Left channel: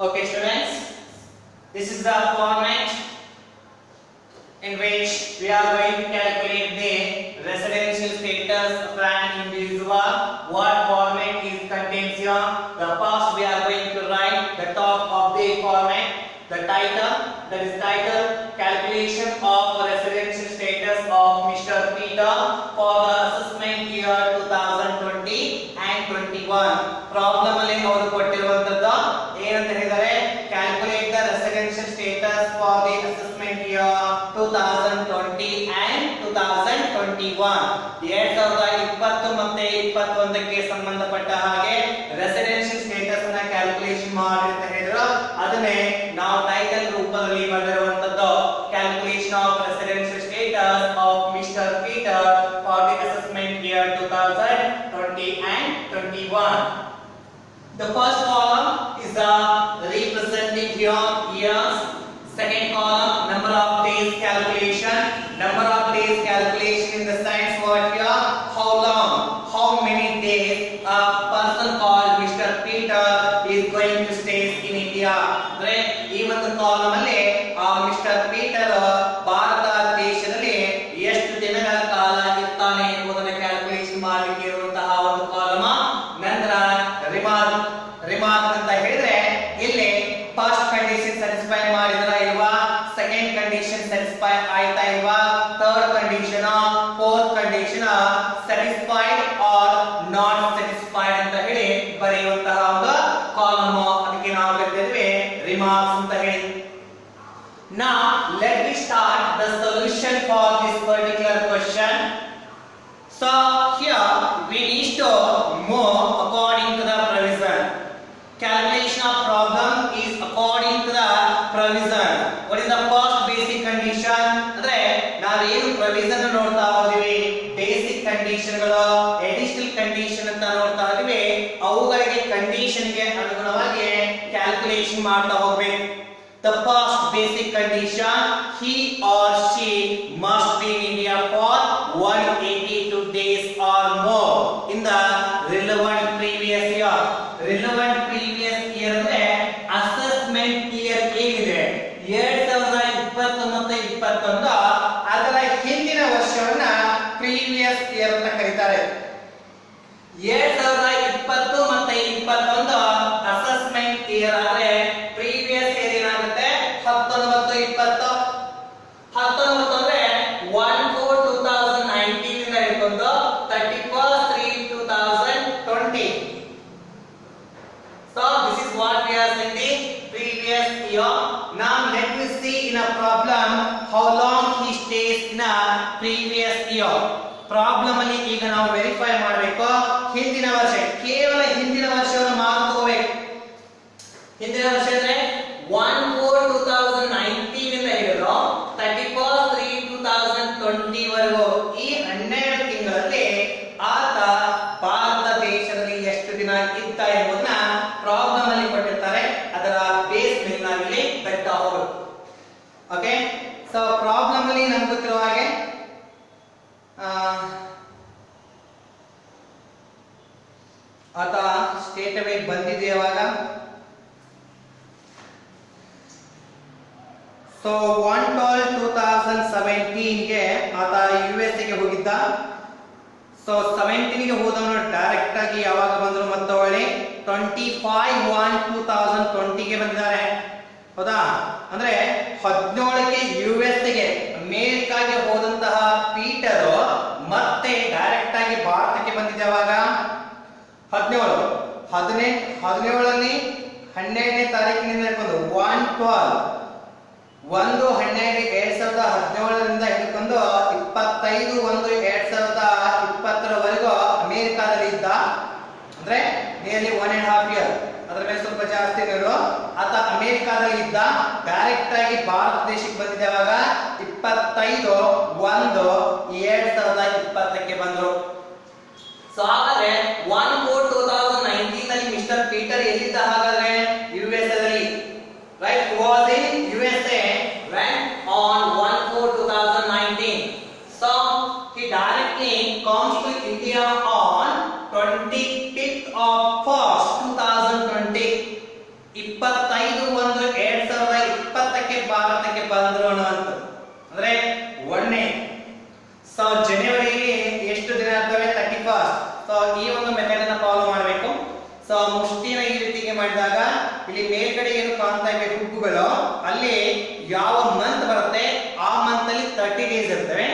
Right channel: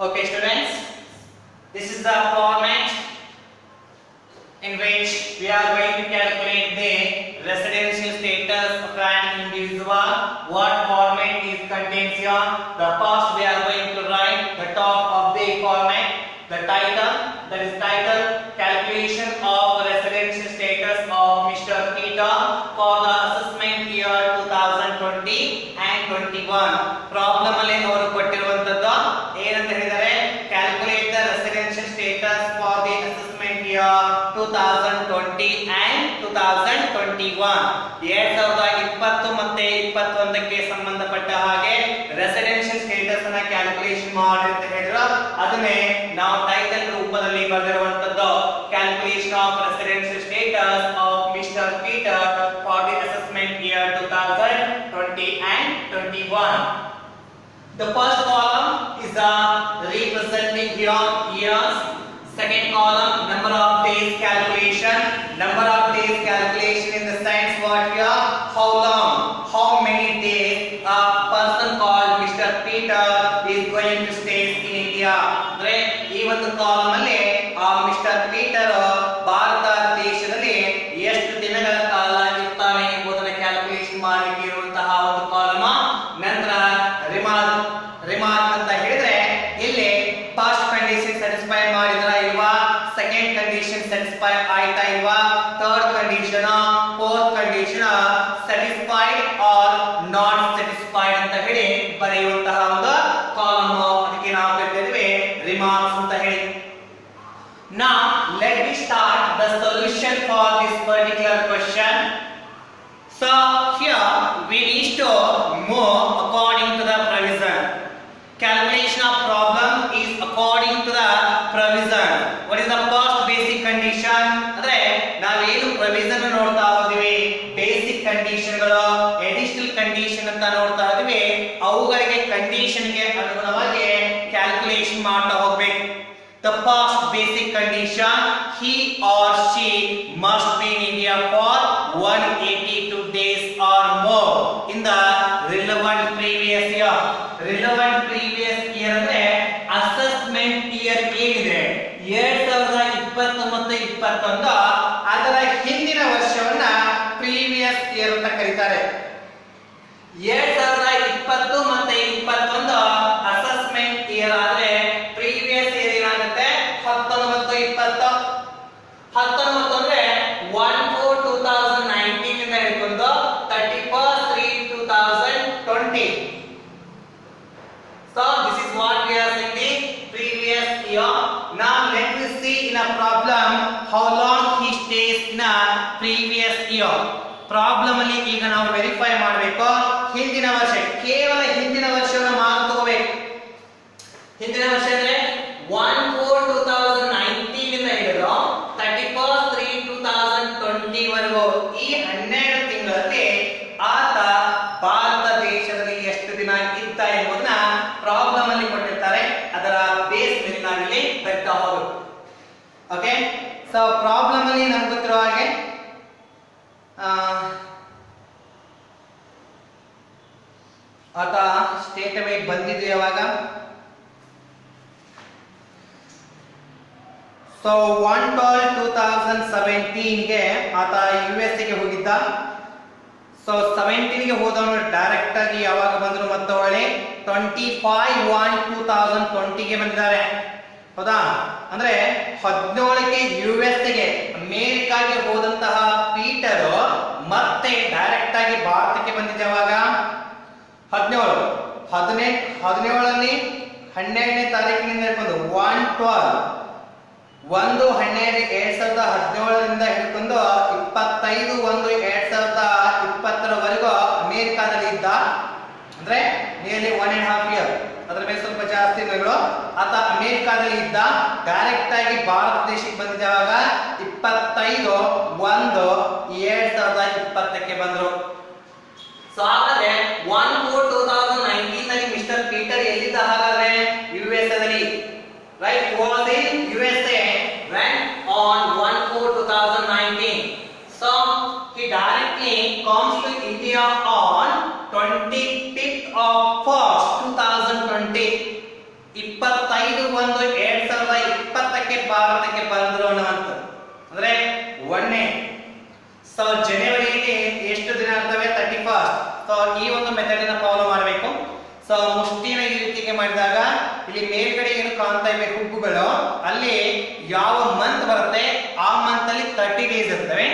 Okay, students, this is the format in which we are going to calculate the residential status of an individual. What format is contains here? The first we are going to write the top of the format, the title, that is title calculation of residential status of Mr. Peter for the assessment year 2020 and 21. Problem ಅಲ್ಲಿ ಅವರು ಕೊಟ್ಟಿರುವಂತದ್ದು ಏನಂತ ಹೇಳಿದರೆ calculate the residential status for the assessment year 2020 and 2021. 2020 ಮತ್ತೆ 21ಕ್ಕೆ ಸಂಬಂಧಪಟ್ಟ ಹಾಗೆ residential status ಅನ್ನು calculation ಮಾಡಿ ಅಂತ ಹೇಳಿದ್ರು. ಅದನ್ನೇ ನಾವು ಟೈಟಲ್ ರೂಪದಲ್ಲಿ ಬರೆದಿರುವಂತದ್ದು calculation of residential status of Mister Peter for the assessment year 2020 and 21. The first column is representing here years. Second column number of days calculation. Number of days calculation in the science word here. How long? How many days a person called Mr. Peter is going to stay in India? Right? ಈ ಒಂದು column ಅಲ್ಲಿ mister Peter Bharat ದೇಶದಲ್ಲಿ ಎಷ್ಟು ದಿನಗಳ ಕಾಲ ಇರ್ತಾನೆ ಎಂಬುದನ್ನು calculation ಮಾಡಲಿಕ್ಕೆ ಇರುವಂತಹ ಒಂದು ಕಾಲಮ್. ನಂತರ ರಿಮಾರ್ಕ್ ಅಂತ ಹೇಳಿದ್ರೆ ಇಲ್ಲಿ ಫಸ್ಟ್ ಕಂಡೀಷನ್ ಸ್ಯಾಟಿಸ್ಫೈ ಮಾಡಿದ್ರ ಇಲ್ವಾ, ಸೆಕೆಂಡ್ ಕಂಡೀಷನ್ ಸ್ಯಾಟಿಸ್ಫೈ ಆಯ್ತಾ ಇಲ್ವಾ, third condition fourth condition satisfied or not satisfied ಅಂತ ಹೇಳಿ ಬರೆಯುವಂತಹ ಒಂದು ಕಾಲಮ್. ಅದಕ್ಕೆ ನಾವು ಕರೀತೀವಿ ರಿಮಾರ್ಕ್ಸ್ ಅಂತ ಹೇಳಿ. Now let me start the solution for this particular question. So here we need to move according to the provision. Calculation of problem is according to the provision. What is the first basic condition? ಅಂದ್ರೆ ನಾವು ಏನು provision ನೋಡ್ತಾ ಹೋದಿವಿ, basic condition ಗಳು, additional condition ಅಂತ ನೋಡ್ತಾ ಇದೀವಿ. ಅವುಗಳಿಗೆ condition ಗೆ ಅನುಗುಣವಾಗಿ ಕ್ಯಾಲ್ಕುಲೇಷನ್ ಮಾಡ್ತಾ ಹೋಗಬೇಕು. The first basic condition, he or she must be in India for 182 days or more in the relevant previous year. Relevant previous year ಅಂದ್ರೆ assessment year ಏನಿದೆ 2020 ಮತ್ತು 21 ಅದರ ಹಿಂದಿನ ವರ್ಷವನ್ನ ಪ್ರೀವಿಯಸ್ ಇಯರ್ ಅಂತ ಕರೀತಾರೆ. 2020 ಮತ್ತೆ 21 ಅಸೆಸ್ಮೆಂಟ್ ಇಯರ್ ಆದ್ರೆ ಪ್ರೀವಿಯಸ್ ಇಯರ್ ಏನಾಗುತ್ತೆ 19 20 ಅಂದ್ರೆ 1/4/2019 ಇಂದ ಹಿಡಿದು 31/3/2020. So this is what we are saying the previous year. Now let me see in a problem how long he stays in a previous year. Problem ಅಲ್ಲಿ ಈಗ ನಾವು ವೆರಿಫೈ ಮಾಡಬೇಕು ಹಿಂದಿನ ವರ್ಷ, ಕೇವಲ ಹಿಂದಿನ ವರ್ಷವನ್ನು ಮಾತ್ರ ತಗೋಬೇಕು. ಹಿಂದಿನ ವರ್ಷ ಅಂದ್ರೆ 1/4/2019 ಇಂದ ಹಿಡಿದು 31/3/2020 ವರೆಗೂ ಈ 12 ತಿಂಗಳಲ್ಲಿ ಆತ ಭಾರತ ದೇಶದಲ್ಲಿ ಎಷ್ಟು ದಿನ ಇದ್ದ ಎಂಬುದನ್ನ ಪ್ರಾಬ್ಲಮ್ ಅಲ್ಲಿ ಕೊಟ್ಟಿರ್ತಾರೆ. ಅದರ ಬೇಸ್ ಮೇಲೆ ನಾವಿಲ್ಲಿ ಬರಿತಾ ಹೋಗಬೇಕು. ಓಕೆ, ಸೊ ಪ್ರಾಬ್ಲಮ್ ಅಲ್ಲಿ ನಮ್ಗೆ ಗೊತ್ತಿರೋ ಹಾಗೆ ಆತ ಸ್ಟೇಟ್ ಅವೇ ಬಂದಿದೆ ಯಾವಾಗ. ಸೊ 1/12/2017 ಗೆ ಆತ US ಗೆ ಹೋಗಿದ್ದ. ಸೊ 17 ಗೆ ಹೋದವನು ಡೈರೆಕ್ಟ್ ಆಗಿ ಯಾವಾಗ ಬಂದ್ರು ಮತ್ತೆ ಒಳ್ಳೆ 25/1/2020 ಗೆ ಬಂದಿದ್ದಾರೆ. ಹೌದಾ? ಅಂದ್ರೆ 17ಕ್ಕೆ US ಗೆ ಅಮೆರಿಕಾಗೆ ಹೋದಂತಹ ಪೀಟರ್ ಮತ್ತೆ ಡೈರೆಕ್ಟ್ ಆಗಿ ಭಾರತಕ್ಕೆ ಬಂದಿದ್ದ ಯಾವಾಗ 17 17ನೇ 12ನೇ ತಾರೀಕಿನಿಂದ ಹಿಡ್ಕೊಂಡು 1/12/2017 ಹಿಡ್ಕೊಂಡು 25/1/2020 ಅಮೆರಿಕಾದಲ್ಲಿ ಇದ್ದ. ಅಂದ್ರೆ ನಿಯರ್ಲಿ 1.5 ಇಯರ್, ಅದರ ಮೇಲೆ ಸ್ವಲ್ಪ ಜಾಸ್ತಿ ಇರೋ ಆತ ಅಮೆರಿಕಾದಲ್ಲಿ ಇದ್ದ. ಡೈರೆಕ್ಟ್ ಆಗಿ ಭಾರತ ದೇಶಕ್ಕೆ ಬಂದಿದ್ದಾವಾಗ 25/1/2020ಕ್ಕೆ ಬಂದ್ರು. ಸೊ ಹಾಗಾದ್ರೆ 1/4/2019 ನಲ್ಲಿ ಮಿಸ್ಟರ್ ಪೀಟರ್ ಎಲ್ಲಿದ್ದ? ಹಾಗಾದ್ರೆ USA ದಲ್ಲಿ. Right, he was in USA when on 1/4/2019. So he directly comes to India on 25th of 1st 2020. 25 so ಮುಷ್ಟಿನ ಈ ರೀತಿಗೆ ಮಾಡಿದಾಗ ಇಲ್ಲಿ ಮೇಲ್ಗಡೆ ಏನು ಕಾಣ್ತಾ ಇವೆ ಹುಬ್ಬುಗಳು, ಅಲ್ಲಿ ಯಾವ ಮಂತ್ ಬರುತ್ತೆ ಆ ಮಂತ್ ಅಲ್ಲಿ 30 ಡೇಸ್ ಇರ್ತವೆ.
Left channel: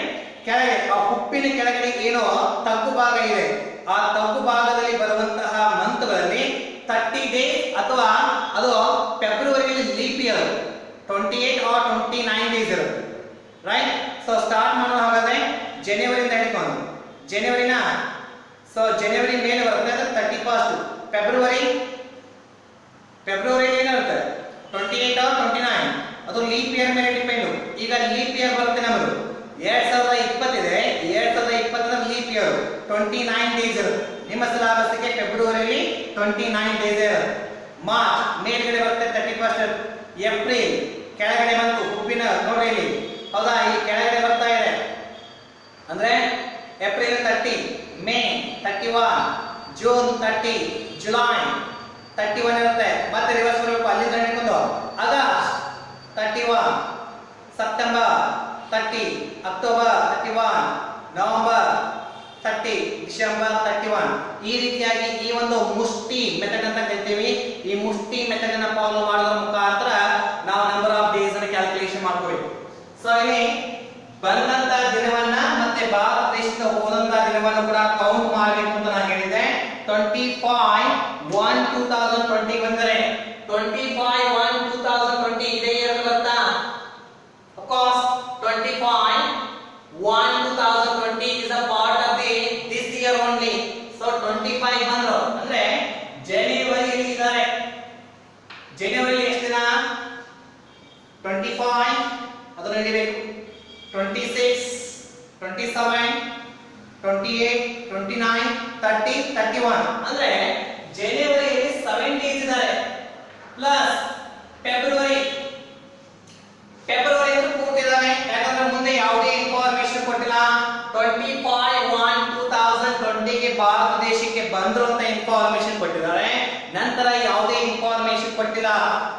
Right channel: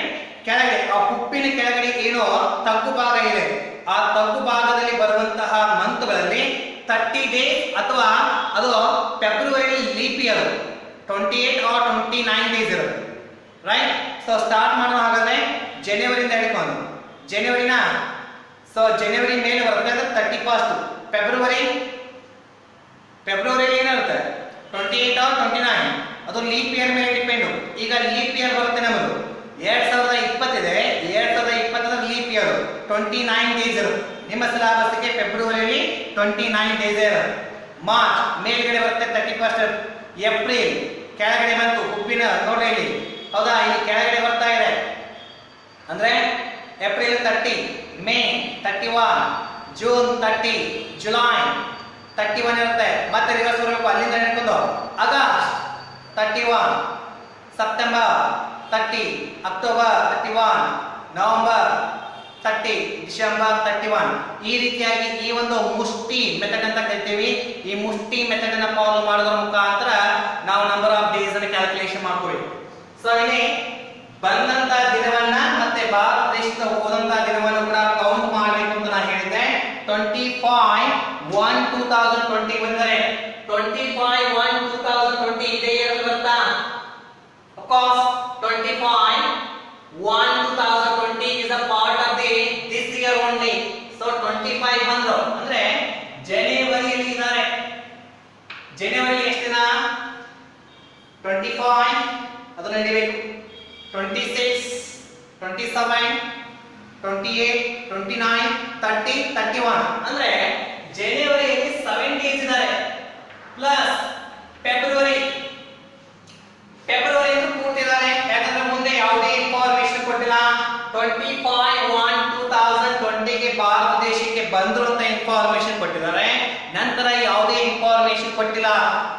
ಕೆಳಗೆ ಆ ಹುಬ್ಬಿನ ಕೆಳಗಡೆ ಏನು ತಗ್ಗು ಭಾಗ ಇದೆ, ಆ ತಗ್ಗು ಭಾಗದಲ್ಲಿ ಬರುವಂತಹ ಮಂತ್ಗಳಲ್ಲಿ 30 ಡೇಸ್ ಅಥವಾ ಅದು ಫೆಬ್ರವರಿಯಲ್ಲಿ ಲೀಪ್ ಇಯರ್ 28 or 29 ಡೇಸ್ ಇರುತ್ತೆ, ರೈಟ್. ಸೊ ಸ್ಟಾರ್ಟ್ ಮಾಡೋ ಹಾಗಾದ್ರೆ ಜನವರಿಯಿಂದ ಹಿಡ್ಕೊಂಡು ಜನವರಿನ, ಸೊ ಜನವರಿ ಮೇಲೆ ಬರುತ್ತೆ ಅಂದ್ರೆ 31st. ಫೆಬ್ರವರಿ ಏನಿರುತ್ತೆ 28 or 29, ಅದು ಲೀಪ್ ಇಯರ್ ಮೇಲೆ ಡಿಪೆಂಡ್. ಈಗ ಲೀಪ್ ಇಯರ್ ಬರುತ್ತೆ ನಮ್ಮದು 2020 ಇದೆ, 2020 ಲೀಪ್ ಇಯರ್ 29 ಡೇಸ್ ಇರುತ್ತೆ. ನಿಮ್ಮ ಸಿಲೆಬಸ್ಗೆ ಫೆಬ್ರವರಿಯಲ್ಲಿ 29 ಡೇಸ್ ಇರುತ್ತೆ. ಮಾರ್ಚ್ ಮೇಲ್ಗಡೆ ಬರುತ್ತೆ 31st. ಏಪ್ರಿಲ್ ಕೆಳಗಡೆ ಬಂತು ಹುಬ್ಬಿನ ನೋಡ್ರಿ ಇಲ್ಲಿ, ಹೌದಾ, ಈ ಕೆಳಗಡೆ ಬರ್ತಾ ಇದೆ ಅಂದ್ರೆ ಏಪ್ರಿಲ್ 30, ಮೇ 31, ಜೂನ್ 30, ಜುಲೈ 31 ಇರುತ್ತೆ. ಮತ್ತೆ ರಿವರ್ಸ್ ಬರಬೇಕು ಅಲ್ಲಿಂದ ಹಿಡ್ಕೊಂಡು August 31, September 30, October 31, November 30, December 31. ಈ ರೀತಿಯಾಗಿ ಈ ಒಂದು ಮುಷ್ಟಿ ಮೆಥಡ್ ಅಂತ ಕರಿತೀವಿ. ಈ ಮುಷ್ಟಿ ಮೆಥಡ್ ಅನ್ನು ಫಾಲೋ ಮಾಡೋದ್ರ ಮುಖಾಂತರ ನಾವು ನಂಬರ್ ಆಫ್ ಡೇಸ್ ಅನ್ನು ಕ್ಯಾಲ್ಕುಲೇಷನ್ ಮಾಡ್ಕೋಬೇಕು. ಸೊ ಇಲ್ಲಿ ಬಂದಂತ ದಿನವನ್ನ ಮತ್ತೆ ಭಾರತ ದೇಶದ ಹೋದಂತ ದಿನವನ್ನು ಕೂಡ ಕೌಂಟ್ ಮಾಡಬೇಕು ಅಂತ ನಾನು ಹೇಳಿದ್ದೆ. 25/1/2020 ಬಂದರೆ 25/1/2020 ಇದೇ ಇಯರ್ ಬರುತ್ತಾ? Of course 25/1/2020 is a part of this year only. So 25 ಬಂದ್ರು ಅಂದ್ರೆ ಜನವರಿಯಲ್ಲಿ ಇದ್ದಾರೆ. ಜನವರಿ ಎಷ್ಟು ದಿನ? 25 ಅದನ್ನ ಹಿಡಿಬೇಕು. 26, 27, 28, 29, 30, 31 ಅಂದ್ರೆ ಜನವರಿಯಲ್ಲಿ 7 ಡೇಸ್ ಇದ್ದಾರೆ. ಪ್ಲಸ್ ಫೆಬ್ರವರಿ ಕೊಟ್ಟಿದ್ದಾರೆ, ಯಾಕಂದ್ರೆ ಮುಂದೆ ಯಾವುದೇ ಇನ್ಫಾರ್ಮೇಶನ್ ಕೊಟ್ಟಿಲ್ಲ. 25/1/2020 ಗೆ ಭಾರತ ದೇಶಕ್ಕೆ ಬಂದ್ರು ಅಂತ ಇನ್ಫಾರ್ಮೇಶನ್ ಕೊಟ್ಟಿದ್ದಾರೆ, ನಂತರ ಯಾವುದೇ ಇನ್ಫಾರ್ಮೇಶನ್ ಕೊಟ್ಟಿಲ್ಲ.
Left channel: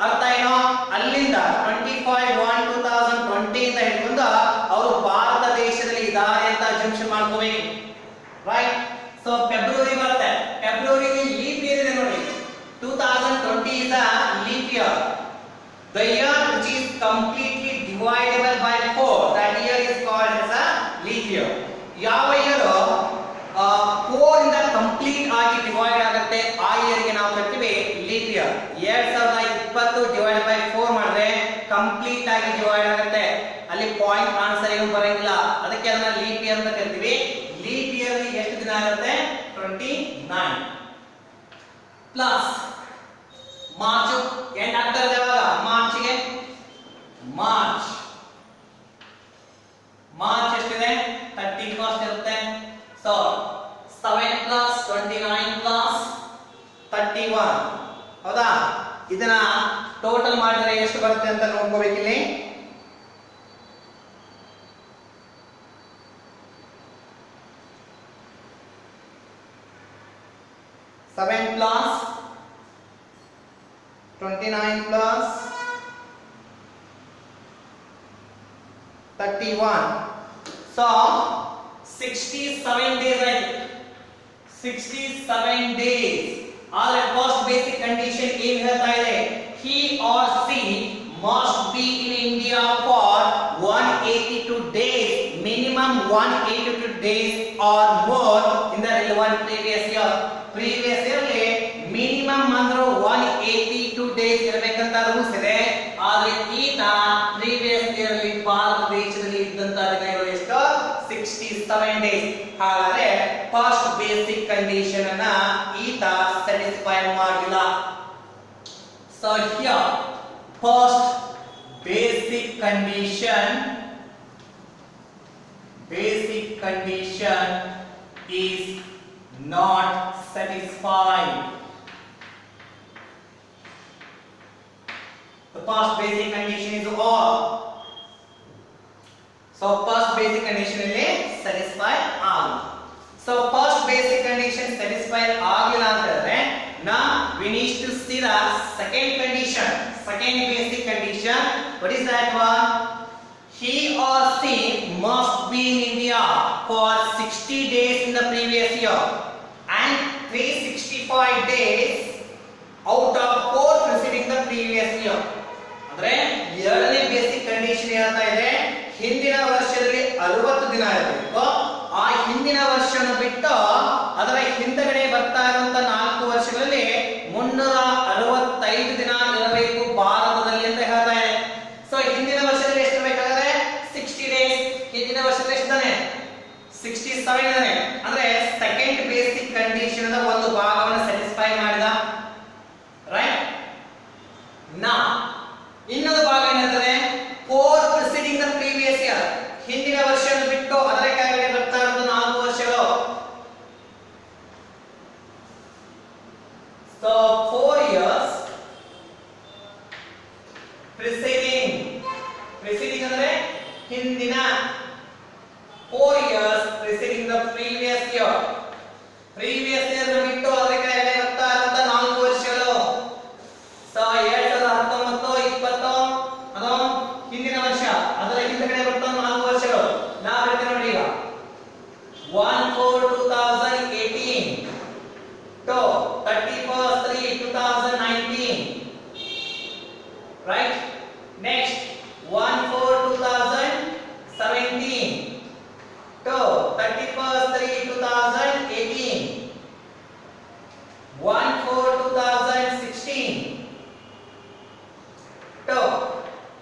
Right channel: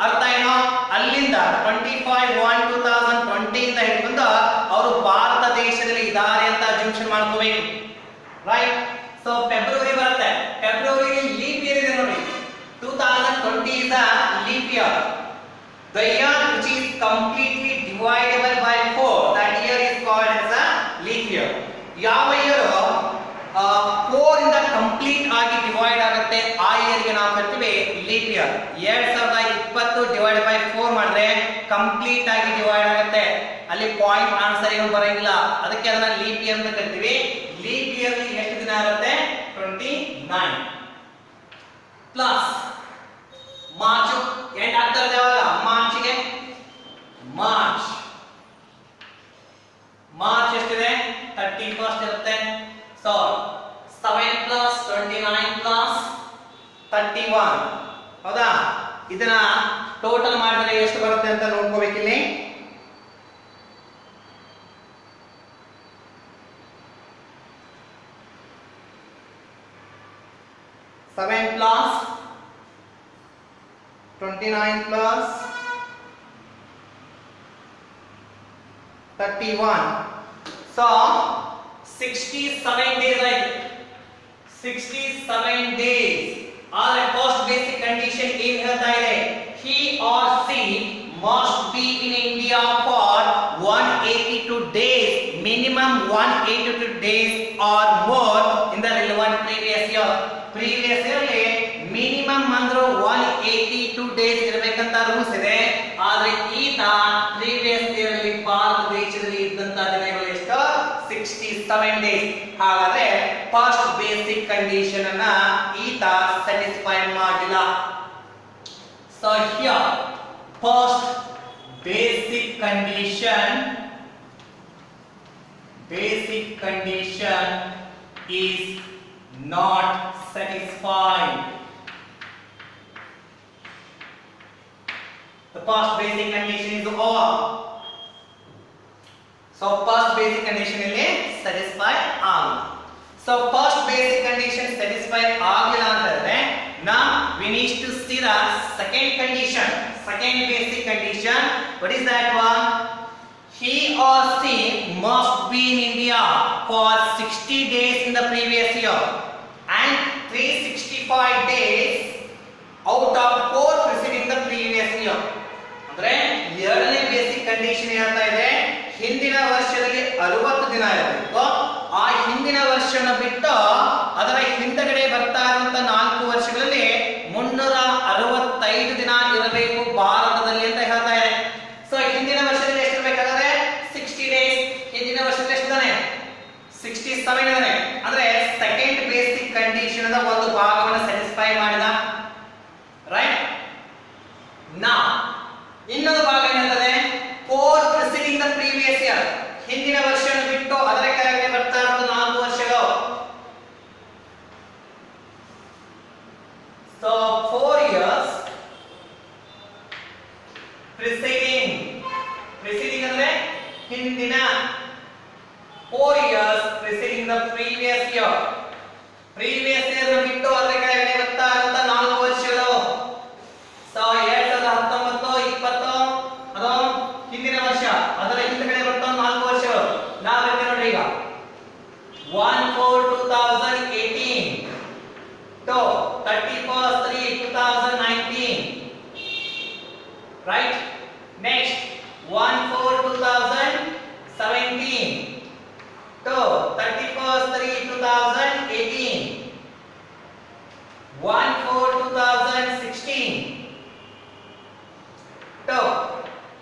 ಅರ್ಥ ಏನೋ? ಅಲ್ಲಿಂದ 25/1/2020 ಇಂದ ಹಿಡ್ಕೊಂಡು ಅವರು ಭಾರತ ದೇಶದಲ್ಲಿ ಇದ್ದಾರೆ ಅಂತ ಅಸ್ಯೂಮ್ಷನ್ ಮಾಡ್ಕೋಬೇಕು, ರೈಟ್. ಸೊ ಫೆಬ್ರವರಿ ಬರುತ್ತೆ, ಫೆಬ್ರವರಿಯಲ್ಲಿ ಲೀಪ್ ಇಯರ್ ಇದೆ ನೋಡಿ. 2020 is a leap year. The year which is completely divisible by 4, that year is called as a leap year. ಯಾವ ಇಯರ್ 4 ಇಂದ ಕಂಪ್ಲೀಟ್ ಆಗಿ ಡಿವೈಡ್ ಆಗುತ್ತೆ ಆ ಇಯರ್ ಗೆ ನಾವು ಕರಿತೀವಿ ಲೀಪ್ ಇಯರ್. 2020 ಡಿವೈಡ್ ಬೈ 4 ಮಾಡಿದ್ರೆ ಕಂಪ್ಲೀಟ್ ಆಗಿ ಡಿವೈಡ್ ಆಗುತ್ತೆ, ಅಲ್ಲಿ ಪಾಯಿಂಟ್ ಆನ್ಸರ್ ಏನು ಬರಂಗಿಲ್ಲ, ಅದಕ್ಕೆ ಅದನ್ನ ಲೀಪ್ ಇಯರ್ ಅಂತ ಕರಿತೀವಿ. ಲೀಪ್ ಇಯರ್ ಎಷ್ಟು ದಿನ ಇರುತ್ತೆ? 29 ಪ್ಲಸ್ ಮಾರ್ಚ್ ಎಂಡ್ ಆಗ್ತಾರೆ ಯಾವಾಗ? ಮಾರ್ಚ್ಗೆ ಮಾರ್ಚ್ ಎಷ್ಟಿದೆ? 31st ಇರುತ್ತೆ. ಸೊ 7 ಪ್ಲಸ್ 29 ಪ್ಲಸ್ 31, ಹೌದಾ? ಇದನ್ನ ಟೋಟಲ್ ಮಾಡಿದ್ರೆ ಎಷ್ಟು ಬರುತ್ತೆ ಅಂತ ನೋಡ್ಕೋಬೇಕಿಲ್ಲಿ. Seven plus 29 plus 31. So 67 days, right? 67 days. All at first basic condition ಏನು ಹೇಳ್ತಾ ಇದೆ? He or she must be in India for 182 days, minimum 182 days or more in the relevant previous year. Previous year ಅಲ್ಲಿ minimum ಅಂದ್ರೆ 182 days ಇರಬೇಕಂತ rules ಇದೆ. ಆದ್ರೆ ಈತ previous year ಅಲ್ಲಿ ಭಾರತ ದೇಶದಲ್ಲಿ ಇದ್ದಂತ ದಿನಗಳು ಎಷ್ಟು? 67 ಡೇಸ್. ಹಾಗಾದ್ರೆ ಫಸ್ಟ್ ಬೇಸಿಕ್ ಕಂಡೀಷನ್ ಅನ್ನ ಈತ ಸ್ಯಾಟಿಸ್ಫೈ ಮಾಡಿಲ್ಲ. So here first basic condition is not satisfied. The first basic condition is all. So first basic condition ಇಲ್ಲಿ satisfy all. So first basic condition satisfy ಆಗಿಲ್ಲ ಅಂತಂದ್ರೆ now we need to see the second condition, second basic condition. What is that one? He or she must be in India for 60 days in the previous year and 365 days out of 4 preceding the previous year. ಅಂದ್ರೆ ಎರಡನೇ basic condition ಹೇಳ್ತಾ ಇದೆ ಹಿಂದಿನ ವರ್ಷದಲ್ಲಿ 60 ದಿನ ಇರಬೇಕು. ಆ ಹಿಂದಿನ ವರ್ಷವನ್ನು ಬಿಟ್ಟು ಅದರ ಹಿಂದಗಡೆ ಬರ್ತಾ ಇರುವಂತ 4 ವರ್ಷಗಳಲ್ಲಿ 365 ದಿನ ಇರಬೇಕು ಭಾರತದಲ್ಲಿ ಅಂತ ಹೇಳ್ತಾ ಇದೆ. ಸೊ ಹಿಂದಿನ ವರ್ಷದಲ್ಲಿ ಎಷ್ಟು ಬೇಕಾದ್ರೆ 60 ಡೇಸ್. ಹಿಂದಿನ ವರ್ಷದಲ್ಲಿ ಎಷ್ಟು ಇದಾನೆ 67 ಇದಾನೆ. ಅಂದ್ರೆ ಸೆಕೆಂಡ್ ಬೇಸಿಕ್ ಕಂಡೀಷನ್ ದ ಒಂದು ಭಾಗವನ್ನು ಸ್ಯಾಟಿಸ್ಫೈ ಮಾಡಿದ. ರೈಟ್. ನಾ ಇನ್ನೊಂದು ಭಾಗ ಏನಾಗ್ತದೆ 4 ಪ್ರಿಸಿಡಿಂಗ್ ದ ಪ್ರೀವಿಯಸ್ ಇಯರ್. ಹಿಂದಿನ ವರ್ಷವನ್ನು ಬಿಟ್ಟು ಅದರ ಕೆಳಗೆ ಬರ್ತಾ ಇರೋದು 4 ವರ್ಷಗಳು. ಸೊ 4 years preceding ಅಂದ್ರೆ ಹಿಂದಿನ 4 years preceding the previous year. previous year ಬಿಟ್ಟು ಅದರ ಕೆಳಗೆ ಬರ್ತಾ ಇರೋದು 4 ವರ್ಷಗಳು. ಸೊ 2019 20 ಅದು ಹಿಂದಿನ ವರ್ಷ, ಅದರ ಹಿಂದೆ ಬರ್ತಾ 4 ವರ್ಷಗಳು. ನಾವು ಹೇಳ್ತೀವಿ ನೋಡ್ರಿ ಈಗ 1/4/2018 to 31/3/2019. right. Next 1/4/2017 to 31/3/2018. 1/4/2016 to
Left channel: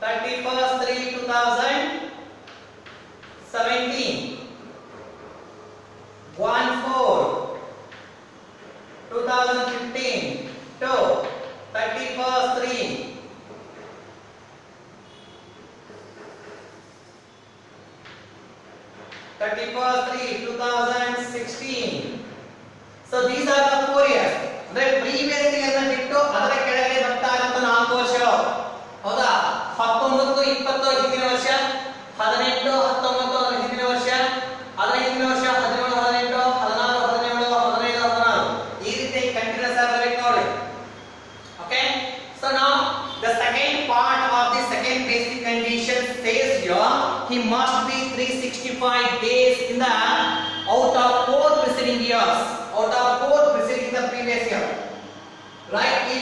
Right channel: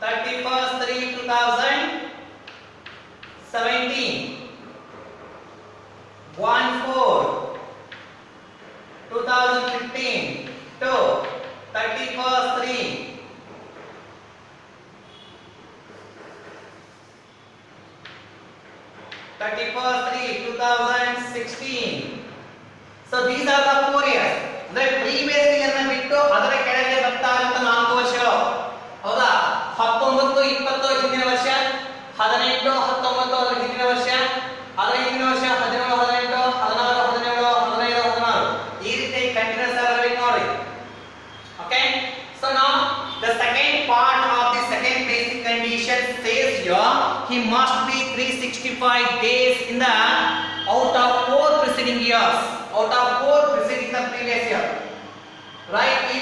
31/3/2017. 1/4/2015 to 31/3. 31/3/2016. So these are the 4 years. ಅಂದ್ರೆ ಪ್ರೀವಿಯಸ್ ಇಯರ್ ನ ಬಿಟ್ಟು ಅದರ ಕೆಳಗೆ ಬರ್ತಾ ಇರುವಂತ 4 ವರ್ಷಗಳು. ಹೌದಾ? 19 20 ಹಿಂದಿನ ವರ್ಷ, 18 19 ಅದರ ಹಿಂದಿನ ವರ್ಷ, ಅದರ ಹಿಂದಿನ ವರ್ಷ 17 18 16 17 15 16. ಈ ರೀತಿ ಕಂಟಿನ್ಯೂಸ್ ಆಗಿರಬೇಕು ನೋಡಿ. Okay. So now the second part of the second basic condition says here he must be 365 days in the out of 4 preceding years. Out of 4 preceding the previous year. Right. ಈ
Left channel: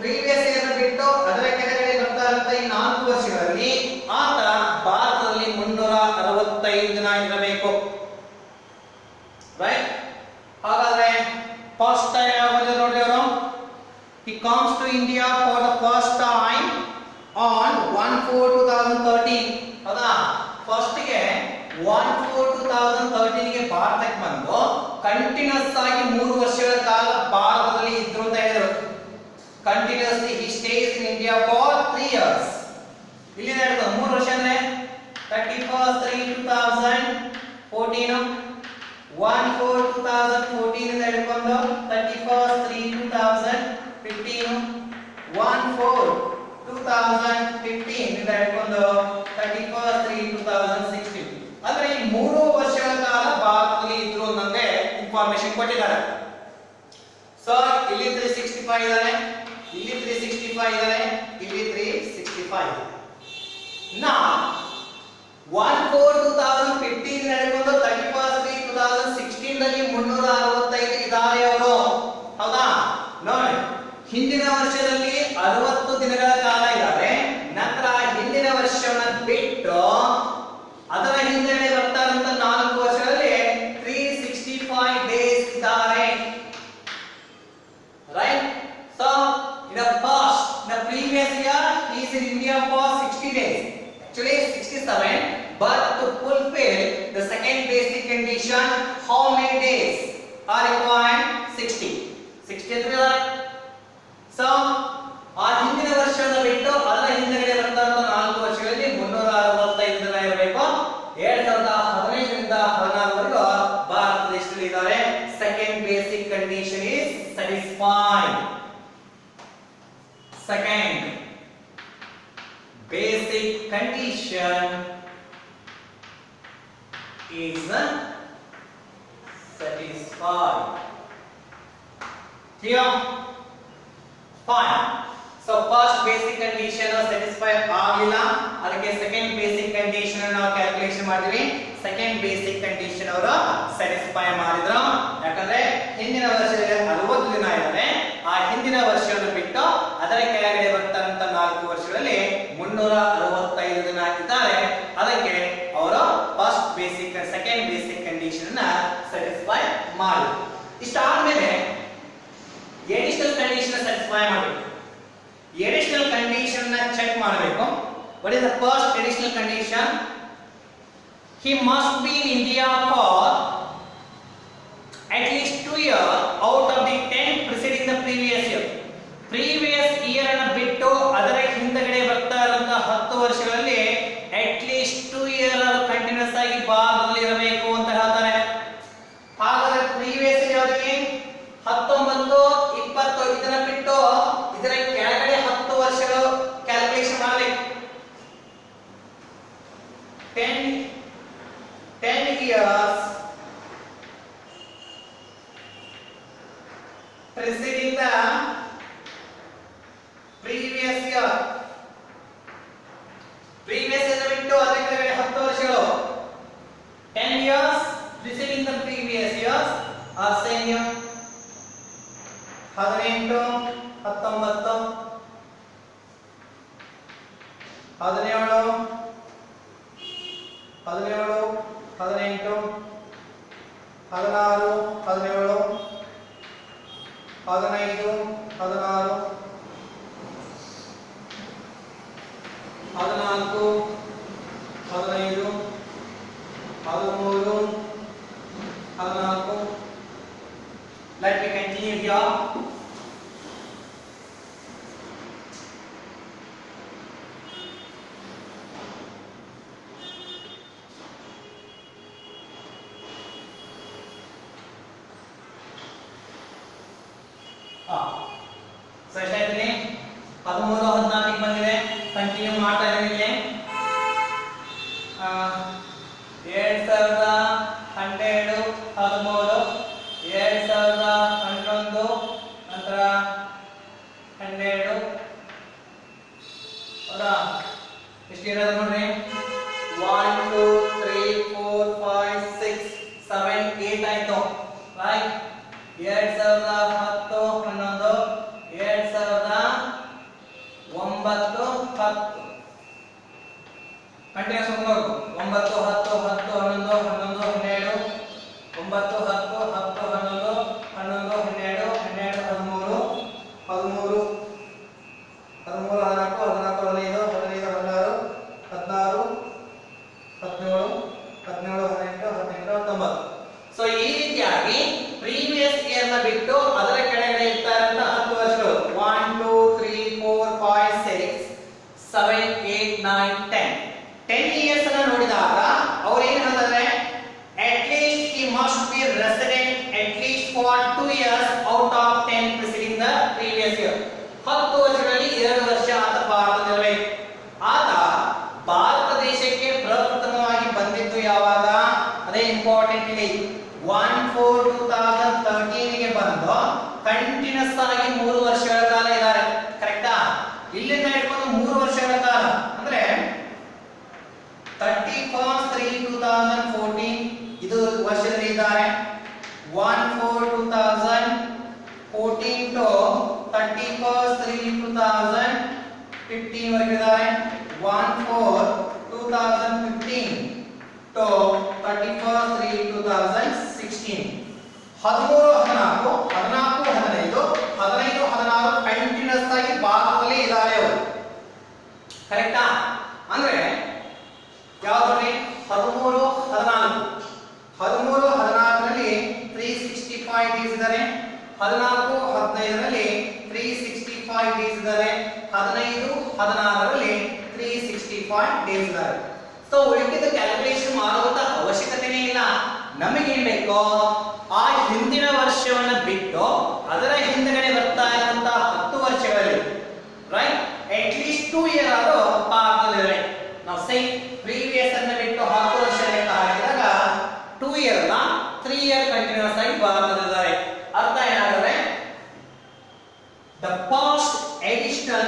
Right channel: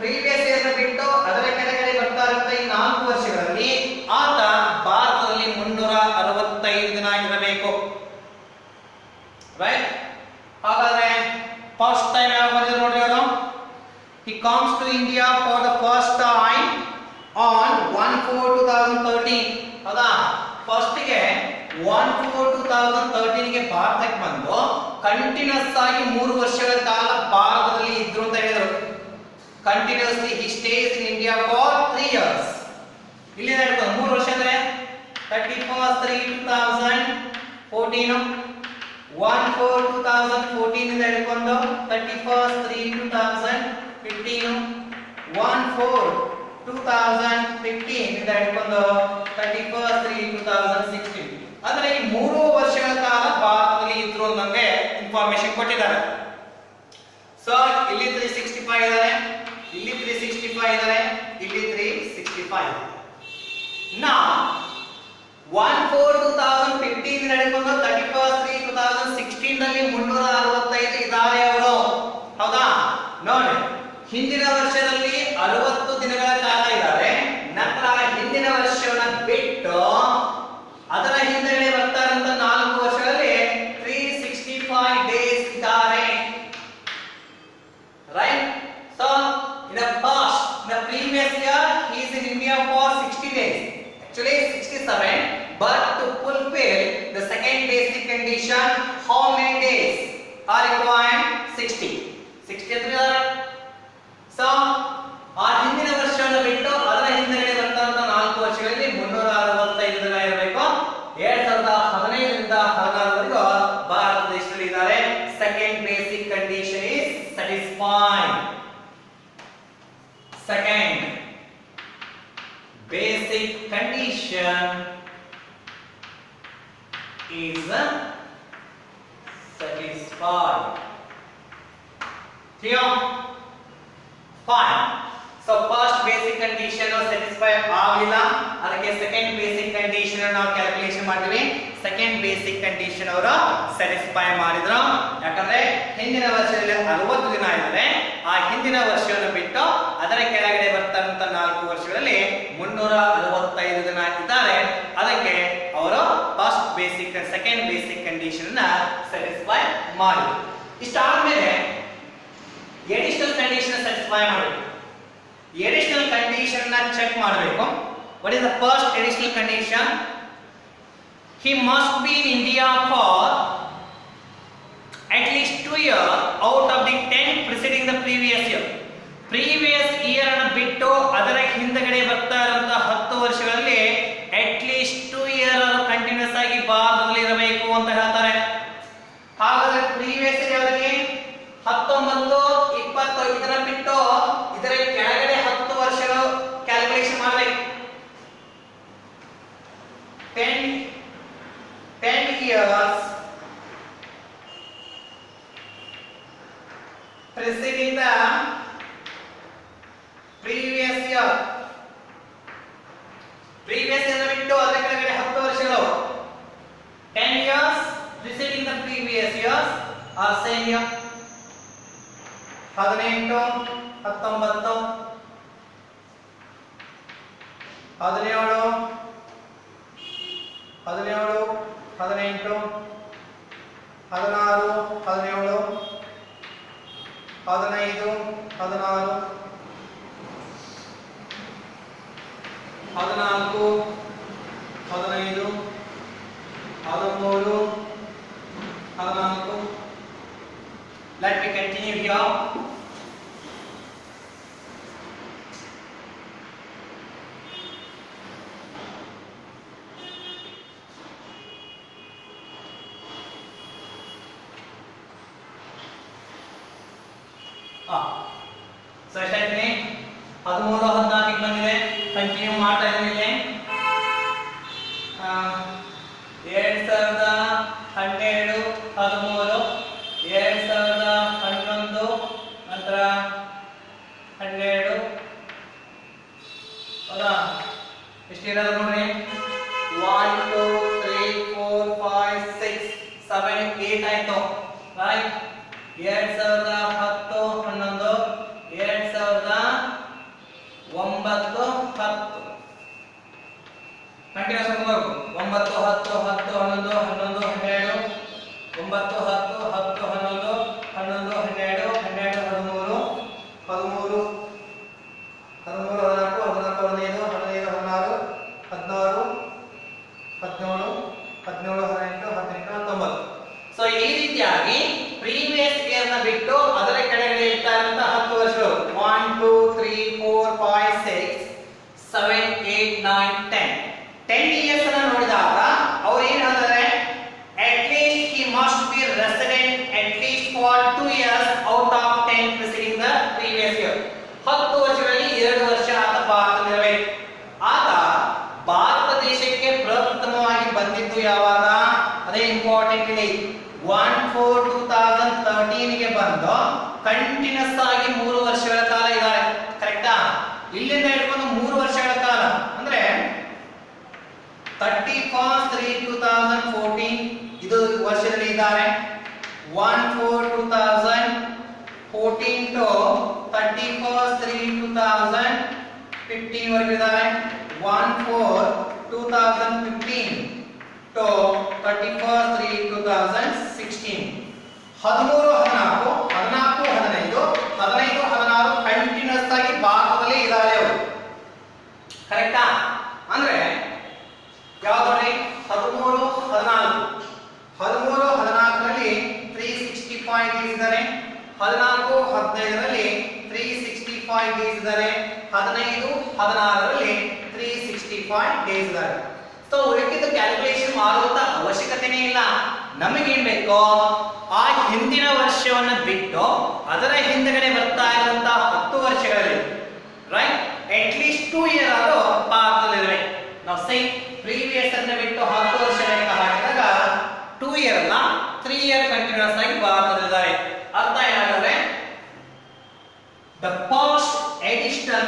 previous year ನ ಬಿಟ್ಟು ಅದರ ಕೆಳಗಡೆ ಬರ್ತಾ ಇರುವಂತ ಈ 4 ವರ್ಷಗಳಲ್ಲಿ ಆತ ಭಾರತದಲ್ಲಿ 365 ದಿನ ಇರಬೇಕು. ರೈಟ್. ಹಾಗಾದ್ರೆ ಫಸ್ಟ್ ಟೈಮ್ ಯಾವಾಗ ಬಂದಿದ್ರು ನೋಡಿ ಅವರು. He comes to India for the first time on 1/4/2013. ಹೌದಾ? ಫಸ್ಟ್ ಗೆ 1/4/2013 ಗೆ ಭಾರತಕ್ಕೆ ಬಂದು ಕಂಟಿನ್ಯೂಸ್ ಆಗಿ 3 ವರ್ಷಗಳ ಕಾಲ ಭಾರತದಲ್ಲಿ ಇದ್ರು ಅಂತ ಹೇಳಿದರು. Continuously he stays in India for 3 years. ಇಲ್ಲಿ ಹೇಳ್ತಾರೆ 3 ವರ್ಷ ಅಂದ್ರೆ 31/3/2014, 1/4/2014 ಇಂದ ಹಿಡ್ಕೊಂಡು 31/3/2015, 1/4/2015 ಇಂದ ಹಿಡ್ಕೊಂಡು 31/3/2016. ಅಂದ್ರೆ ಈ 3 ವರ್ಷಗಳ ಕಾಲ ಭಾರತದಲ್ಲಿ ಇದ್ರು ಅನ್ನಂಗೆ ಇನ್ಫಾರ್ಮೇಶನ್ ಕೊಟ್ಟಿದ್ದಾರೆ. ಸೊ ಇಲ್ಲಿ 365 ಇದ್ದಾರೆ, ಇಲ್ಲಿ 365 ಇದ್ದಾರೆ, ಇಲ್ಲಿ 365. Now 1/4/2015 ಇಂದ ಹಿಡ್ಕೊಂಡು 31/3/2016 ದಲ್ಲಿ 365 ಇದ್ದಾರೆ ಅವರು. ಹೌದಾ? ನೋಡಿ, ಹಿಂದಿನ ವರ್ಷದಲ್ಲಿ 60 ದಿನಗಳ ಕಾಲ ಇದ್ದಾರೆ. ನಂತರ ಹಿಂದಿನ ವರ್ಷವನ್ನ ಬಿಟ್ಟು ಅದರ ಹಿಂದೆಗಡೆ ಬರ್ತಾ ಇರುವಂತ 4 ವರ್ಷಗಳಲ್ಲಿ 365 ಡೇಸ್ ಇದ್ದಾರೆ. Right. So in the past, in the previous year he is in India for 60 days. Actually 67, but to fulfill the second basic condition, how many days are required? 60. 63. So ಆ ಹಿಂದಿನ ವರ್ಷವನ್ನು ಬಿಟ್ಟು ಅದರ ಹಿಂದೆಗಡೆ ಬರ್ತಾ ಇರುವಂತ 4 ವರ್ಷಗಳಲ್ಲಿ 365 ದಿನ ಇರಬೇಕು. 2015 ರಿಂದ 16 ವರೆಗೂ ಭಾರತ ದೇಶದಲ್ಲಿ ಇದ್ದಾರೆ. Second basic condition is satisfied. Second basic condition is satisfied. Here, fine. So first basic condition was satisfied ಆಗಿಲ್ಲ. ಅದಕ್ಕೆ second basic condition ನಾವು ಕ್ಯಾಲ್ಕುಲೇಷನ್ ಮಾಡಿದ್ವಿ. second basic condition ಅವರು satisfy ಮಾಡಿದ್ರು. ಯಾಕಂದ್ರೆ ಹಿಂದಿನ ವರ್ಷದಲ್ಲಿ 60 ದಿನ ಇದ್ದಾರೆ. ಆ ಹಿಂದಿನ ಹಿಂದಿನ ವರ್ಷವನ್ನು ಬಿಟ್ಟು ಅದರ ಕೆಳಗಡೆ ಬರ್ತಾರಂತ 4 ವರ್ಷಗಳಲ್ಲಿ 365 ಜನ ಇದ್ದಾರೆ. ಅದಕ್ಕೆ ಅವರು first basic second basic condition ನ ಸ್ಯಾಟಿಸ್ಫೈ ಮಾಡಿ. ಇಷ್ಟಾದ್ಮೇಲೆ ಎಡಿಷನಲ್ ಕಂಡೀಷನ್ ಸ್ಯಾಟಿಸ್ಫೈ ಮಾಡಬೇಕು. ಎಡಿಷನಲ್ ಕಂಡೀಷನ್ ನ ಚೆಕ್ ಮಾಡಬೇಕು. What is the first additional condition? He must be in India for at least 2 years out of the 10 preceding the previous year. Previous year ಅನ್ನು ಬಿಟ್ಟು ಅದರ ಹಿಂದಗಡೆ ಬರ್ತಾ ಇರುವಂತಹ 10 ವರ್ಷಗಳಲ್ಲಿ at least 2 year ಕಂಟಿನ್ಯೂಸ್ ಆಗಿ ಭಾರತದಲ್ಲಿ ಇರಬೇಕು ಅಂತ ಹೇಳ್ತಾರೆ. ಹಾಗಾದ್ರೆ ಪ್ರೀವಿಯಸ್ ಇಯರ್ ಅವರಿಗೆ 19 20 ಇದನ್ನ ಬಿಟ್ಟು ಇದರ ಕೆಳಗಡೆ 10 ವರ್ಷಗಳು ಕ್ಯಾಲ್ಕುಲೇಷನ್ ಮಾಡಬೇಕು. 10 years preceding the previous year. Previous year ಬಿಟ್ಟು ಅದರ ಕೆಳಗಡೆ 10 ವರ್ಷಗಳು 10 years preceding the previous years are same year. 18 19 17 18 17 16 17 15 16 14 15 13 14. Let me continue here. So ಎಷ್ಟಾಯ್ತು? 13 14 ಬಂದಿದೆ. ಕಂಟಿನ್ಯೂ ಮಾಡ್ತಾ ಇದ್ದೀವಿ. 2012 13 2011 ನಂತರ 12 ಹೌದಾ? ಎಷ್ಟಿರೋದು ನೋಡ್ರಿ. 1 2 3 4 5 6 7 8 ಆಯ್ತು. ರೈಟ್. 2010 11 2009 10 ಕಂಟಿನ್ಯೂಸ್ ಹೋಗಬೇಕು. 9 10 10 11 11 12 9 10 10 11 11 12 12 13 13 14 15 15 16 17 17 18 19. ಸೊ ಈ ರೀತಿಯಾಗಿ ಪ್ರೀವಿಯಸ್ ಇಯರ್ ನ ಬಿಟ್ಟು ಅದರ ಕೆಳಗಡೆ ಇರ್ತಾ ಇರುವಂತಹ 10 ವರ್ಷಗಳು 1 2 3 4 5 6 7 8 9 10 ಇಯರ್ಸ್ ಅನ್ನು ನೋಡಿದಾಗ ಅವರು ಏನು ಹೇಳ್ತಾರೆ? at least he must be resident at least for 2 years out of 10 preceding the previous year. 10 ವರ್ಷಗಳಲ್ಲಿ 2 ವರ್ಷ ಆತ ಭಾರತದಲ್ಲಿರಬೇಕು. ಆತ ಭಾರತ ದೇಶಕ್ಕೆ ಪ್ರಪ್ರಥಮವಾಗಿ ಬಂದಿದ್ದು ಯಾವಾಗ? ಅದೇ ಇಂಪಾರ್ಟೆಂಟ್ ಇಲ್ಲಿ 1/4/2013 ಗೆ ಬಂದು ಕಂಟಿನ್ಯೂಸ್ ಆಗಿ 3 ವರ್ಷಗಳ ಕಾಲ ಇದ್ದಾರೆ. ಕರೆಕ್ಟಾ? ಇಲ್ಲಿಂದ ಹಿಡ್ಕೊಂಡು 3 ವರ್ಷಗಳ ಕಾಲ ಅಂದ್ರೆ 31/3/2014 ಇದು ವರ್ಷದಲ್ಲಿ ಇದ್ದಾರೆ. 1/4/2014 ಟು 31/3/2015 ವರೆಗೆ ಇದ್ದಾರೆ. 1/4/2015 to 31/3/2016. 13 14 14 15 15 16 ಕಂಟಿನ್ಯೂಸ್ ಆಗಿ ಭಾರತದಲ್ಲಿ ಇದ್ದಾರೆ ಅವರು. ಕರೆಕ್ಟಾ? ಅಂದ್ರೆ ಯಾವುದು ನೋಡಿ? 13 14 ರಲ್ಲಿ 365 ಡೇಸ್ ಇದ್ದಾರೆ. 14 15 ರಲ್ಲಿ 365 ಡೇಸ್ ಇದ್ದಾರೆ. 15 16 ರಲ್ಲಿ 365 ಡೇಸ್ ಇದ್ದಾರೆ. ಸೊ ಉಳಿದ ಕ್ಯಾಲ್ಕುಲೇಷನ್ ಮಾಡುವಂತ ಅವಶ್ಯಕತೆನೇ ಇಲ್ಲ. ನಮಗೇನ್ ಬೇಕೋ ಆ ಹಿಂದಿನ ವರ್ಷವನ್ನ ಬಿಟ್ಟು ಅದರ ಹಿಂದಗಡೆ ಬರ್ತಾ ಇರುವಂತಹ 10 ವರ್ಷಗಳಲ್ಲಿ ರೈಟ್ at least 2 year ಆದರೂ ಭಾರತದಲ್ಲಿರಬೇಕು. ನಾವು ಸೈ ಪ್ರೀವಿಯಸ್ ಅನ್ನು ಬಿಟ್ಟು 10 ವರ್ಷ ಲೆಕ್ಕ ಹಾಕಿದಾಗ 2 year ಅಲ್ಲ 3 year ಕಂಟಿನ್ಯೂಸ್ ಆಗಿ ಭಾರತದಲ್ಲಿದ್ದಾರೆ. ಅರ್ಥ ಏನಾಗುತ್ತೆ? the first additional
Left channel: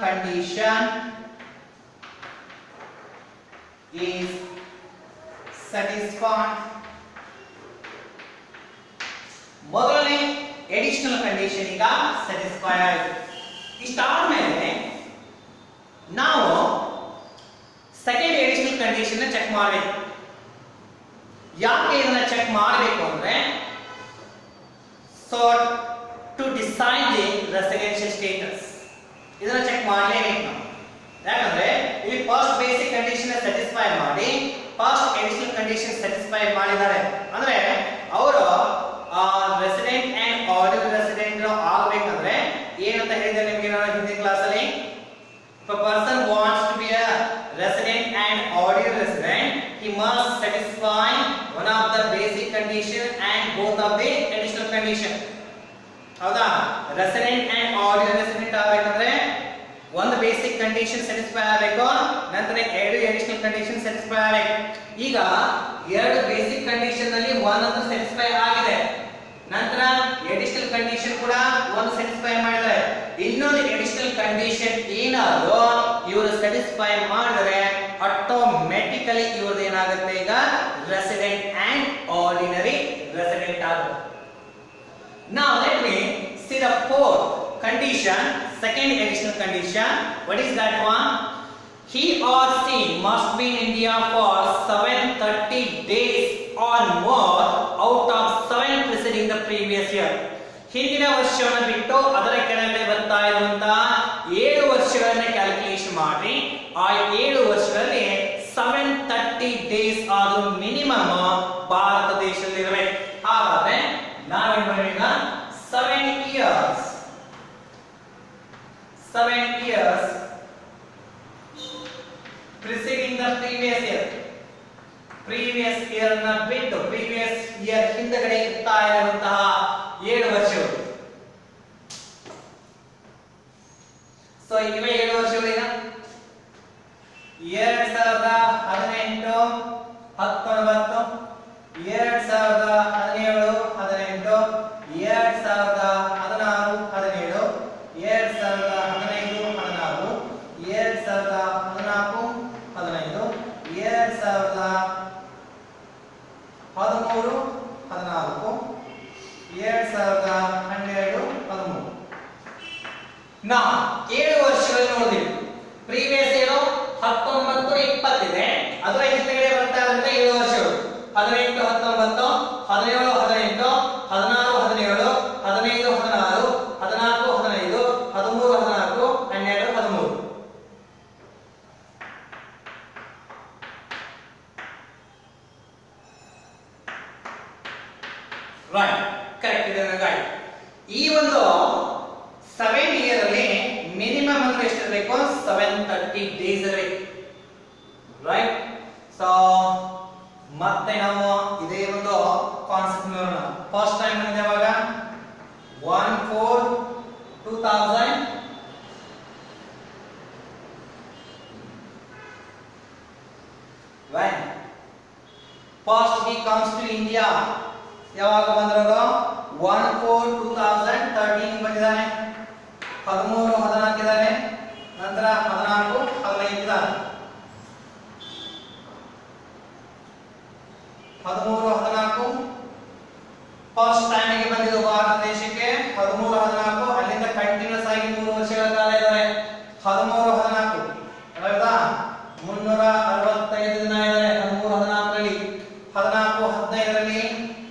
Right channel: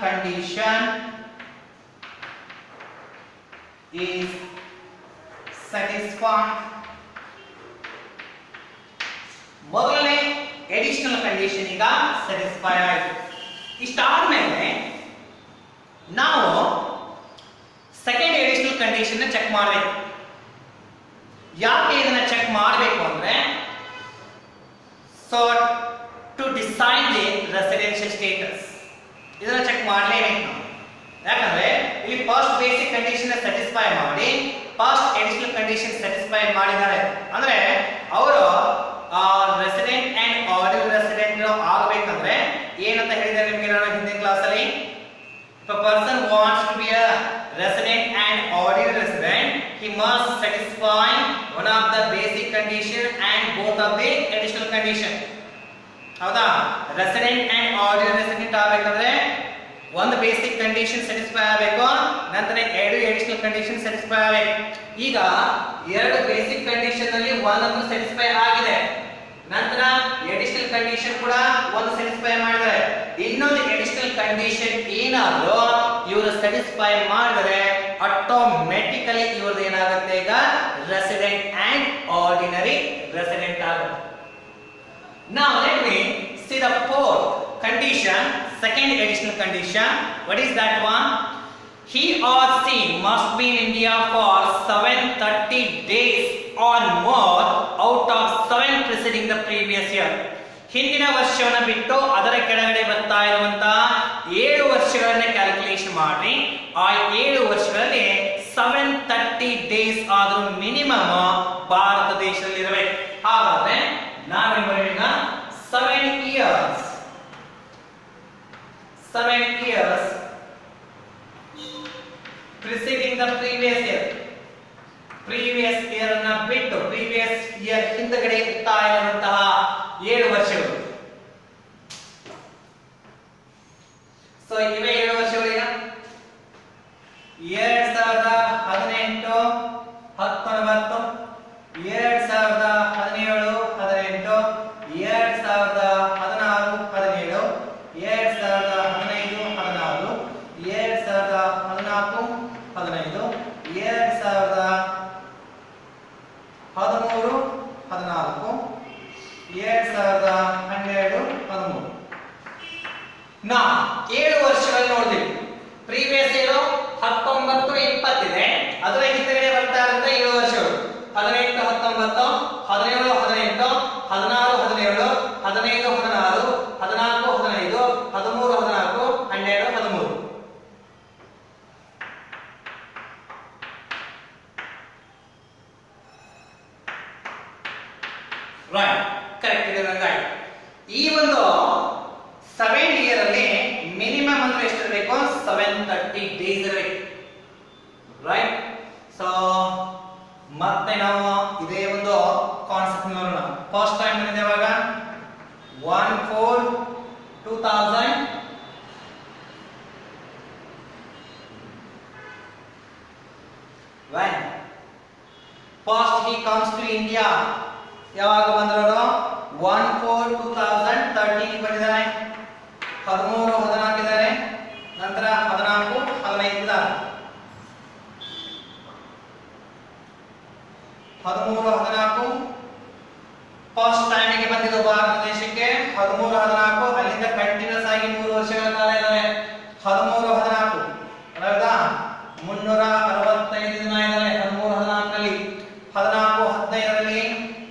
condition is satisfied ಮೊದಲನೇ ಎಡಿಷನಲ್ ಕಂಡೀಷನ್ ಈಗ ಸ್ಯಾಟಿಸ್ಫೈ ಆಯಿತು. ಇಷ್ಟಾದ್ಮೇಲೆ ನಾವು ಸೆಕೆಂಡ್ ಎಡಿಷನಲ್ ಕಂಡೀಷನ್ ಚೆಕ್ ಮಾಡಬೇಕು. ಯಾಕೆ ಇದನ್ನ ಚೆಕ್ ಮಾಡಬೇಕು ಅಂದ್ರೆ, so to decide the residential status ಇದನ್ನ ಚೆಕ್ ಮಾಡಲೇಬೇಕು ನಾವು. ಯಾಕಂದ್ರೆ ಇಲ್ಲಿ ಫಸ್ಟ್ ಬೇಸಿಕ್ ಕಂಡೀಷನ್ ಸ್ಯಾಟಿಸ್ಫೈ ಮಾಡಿ ಫಸ್ಟ್ ಎಡಿಷನಲ್ ಕಂಡೀಷನ್ ಸ್ಯಾಟಿಸ್ಫೈ ಮಾಡಿದ್ದಾರೆ ಅಂದ್ರೆ ಅವರು ರೆಸಿಡೆಂಟ್ ಅಂಡ್ ಆರ್ಡಿನರಿ ರೆಸಿಡೆಂಟ್ ಆಗಬೇಕಂದ್ರೆ ಏನಂತ ಹೇಳಿದ್ದಾರೆ ನಿಮಗೆ ನಾನು ಹಿಂದಿನ ಕ್ಲಾಸಲ್ಲಿ. If a person wants to be a resident and ordinary resident, he must satisfy one of the basic condition and both of the additional condition. ಹೌದಾ? ರೆಸಿಡೆಂಟ್ ಅಂಡ್ ಆರ್ಡಿನರಿ ರೆಸಿಡೆಂಟ್ ಆಗಬೇಕಂದ್ರೆ ಒಂದು ಬೇಸಿಕ್ ಕಂಡೀಷನ್ ಸ್ಯಾಟಿಸ್ಫೈ ಆಗಬೇಕು, ನಂತರ ಎರಡು additional condition satisfy ಆಗಬೇಕು. ಈಗ ಎರಡು basic condition ಅಲ್ಲಿ ಒಂದನ್ನು ಸ್ಯಾಟಿಸ್ಫೈ ಆಗಿದೆ, ನಂತರ ಅಡಿಷನಲ್ ಕಂಡೀಷನ್ ಕೂಡ ಒಂದು ಸ್ಯಾಟಿಸ್ಫೈ ಮಾಡಿದ್ದಾರೆ. ಇನ್ನೊಂದು ಅಡಿಷನಲ್ ಕಂಡೀಷನ್ ಏನಾದರೂ ಇವರು ಸ್ಯಾಟಿಸ್ಫೈ ಮಾಡಿದರೆ ಆಟೋಮೆಟಿಕಲಿ ಇವ್ರದ್ದು ಏನಾಗುತ್ತೆ, ಈಗ ರೆಸಿಡೆಂಟ್ ಅಂಡ್ ಆರ್ಡಿನರಿ ರೆಸಿಡೆಂಟ್ ಆಗುತ್ತೆ. Now let me see the fourth condition, second additional condition. What is that one? He or she must be in India for 730 days or more out of 7 preceding the previous year. ಹಿಂದಿನ ವರ್ಷವನ್ನು ಬಿಟ್ಟು ಅದರ ಕೆಳಗಡೆ ಬರ್ತಾ ಇರುವಂತಹ 7 ವರ್ಷಗಳನ್ನ calculation ಮಾಡಿ ಆ 7 ವರ್ಷಗಳಲ್ಲಿ 730 ಡೇಸ್ ಆದ್ರೂ ಮಿನಿಮಮ್ ಭಾರತ ದೇಶದಲ್ಲಿ ಇರಬೇಕು. ಹಾಗಾದ್ರೆ ನಾವೇನ್ ಮಾಡೋಣ, 7 years preceding the previous year ಅನ್ನ ಬಿಟ್ಟು previous year ಹಿಂದಗಡೆ ಇರ್ತಾ ಇರುವಂತಹ 7 ವರ್ಷಗಳು. ಸೊ ಇವೆ 7 ವರ್ಷಗಳೇನ 2018 19 2017 18 2016 17 2015 16 2014 15 2013 14 2012 13. ನಾ 7 ವರ್ಷಗಳಲ್ಲಿ ನೋಡಿದ್ವಿ. ಪ್ರೀವಿಯಸ್ ಏನು 19 20 ಇದೆ, ಅದರ ಹಿಂದಗಡೆ ಬರ್ತಾ ಇರುವಂತ 7 ವರ್ಷಗಳು 18 19 17 18 16 17 15 16 14 15 13 14 12 13. ರೈಟ್, ಕರೆಕ್ಟ್ ಇದೆ ನಂಗೆ. ಈ ಒಂದು 7 ಇಯರ್ ಅಲ್ಲಿ ಮಿನಿಮಮ್ ಅಂದ್ರೆ ಎಷ್ಟು ಬೇಕು, 730 ಡೇಸ್ ಇರಬೇಕು. ರೈಟ್. ಸೊ ಮತ್ತೆ ನಾವು ಇದೇ ಒಂದು ಕಾನ್ಸೆಪ್ಟ್ ನೋಡೋಣ. ಫಸ್ಟ್ ಟೈಮ್ ಬಂದಿದೆ ಯಾವಾಗ, 1/4/2000 when first he comes to India. ಯಾವಾಗ ಬಂದ್ರು, 1/4/2013 ಬಂದಿದ್ದಾನೆ, 13 14 ಇದ್ದಾರೆ, ನಂತರ 14 15 ಇದ್ದಾರೆ, 13 14 ಫಸ್ಟ್ ಟೈಮ್ ಗೆ ಬಂದಿದ್ದು ಭಾರತ ದೇಶಕ್ಕೆ 13 14. ಅಲ್ಲಿಂದ ಕಂಟಿನ್ಯೂಸ್ ಆಗಿ 3 ವರ್ಷಗಳ ಕಾಲ ಇದ್ದಾರೆ. 13 14 ಅರ್ಧ 365 ದಿನ ಇದ್ದಾರೆ 13 14 ರಲ್ಲಿ. 14 15 ರಲ್ಲಿ